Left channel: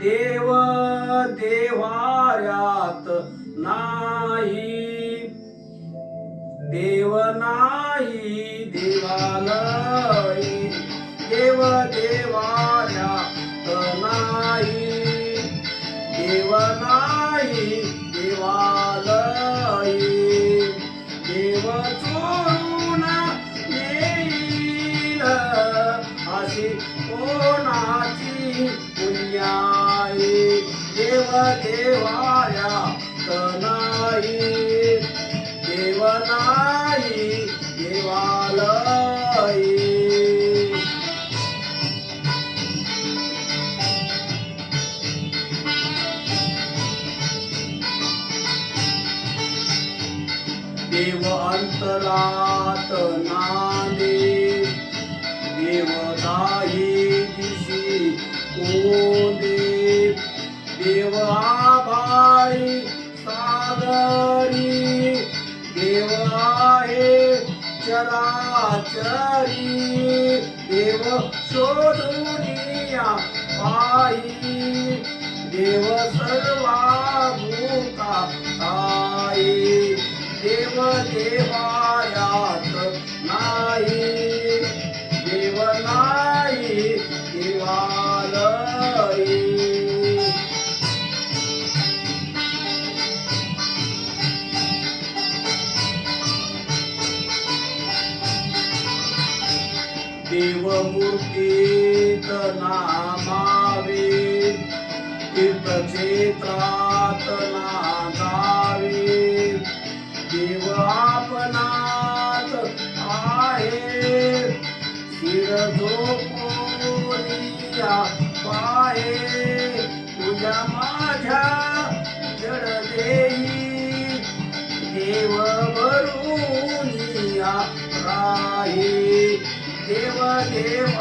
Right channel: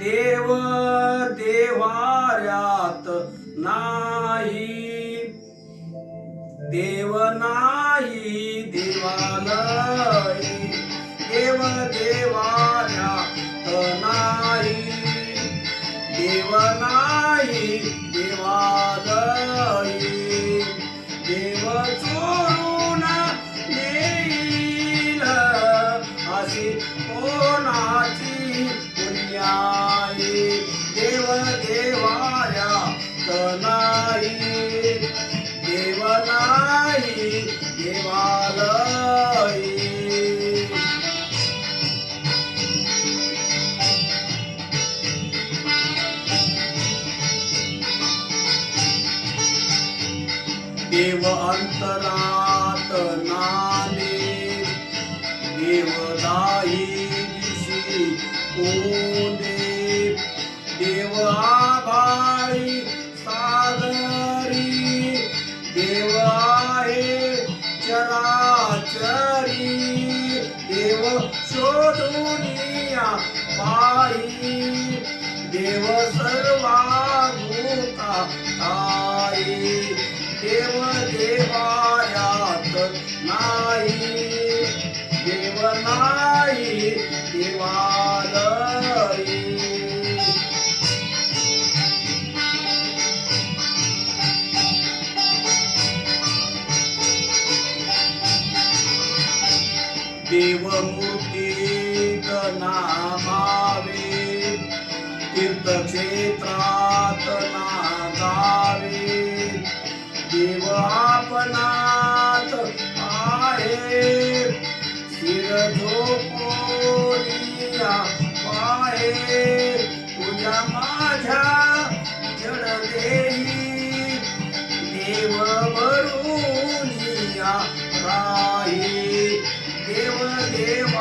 देव देवाऱ्यात नाही. देव नाही देवालय. देव देवाऱ्यात नाही. देव नाही देवालय. देव चोरून येईल अशी देव अंतरात नाले देवदाही दिशी कोंदे देव आभाळी सागरी. देव आहे चराचरी. देव शोधून पायी. देव सर्वा नाही देवालय. देवमूर्तीत नामावे तीर्थक्षेत्रात नागावे. देव आपणात आहे. पाहे तुझ्या माझ्या जड देही देव वरुनिया राही. देव देवायात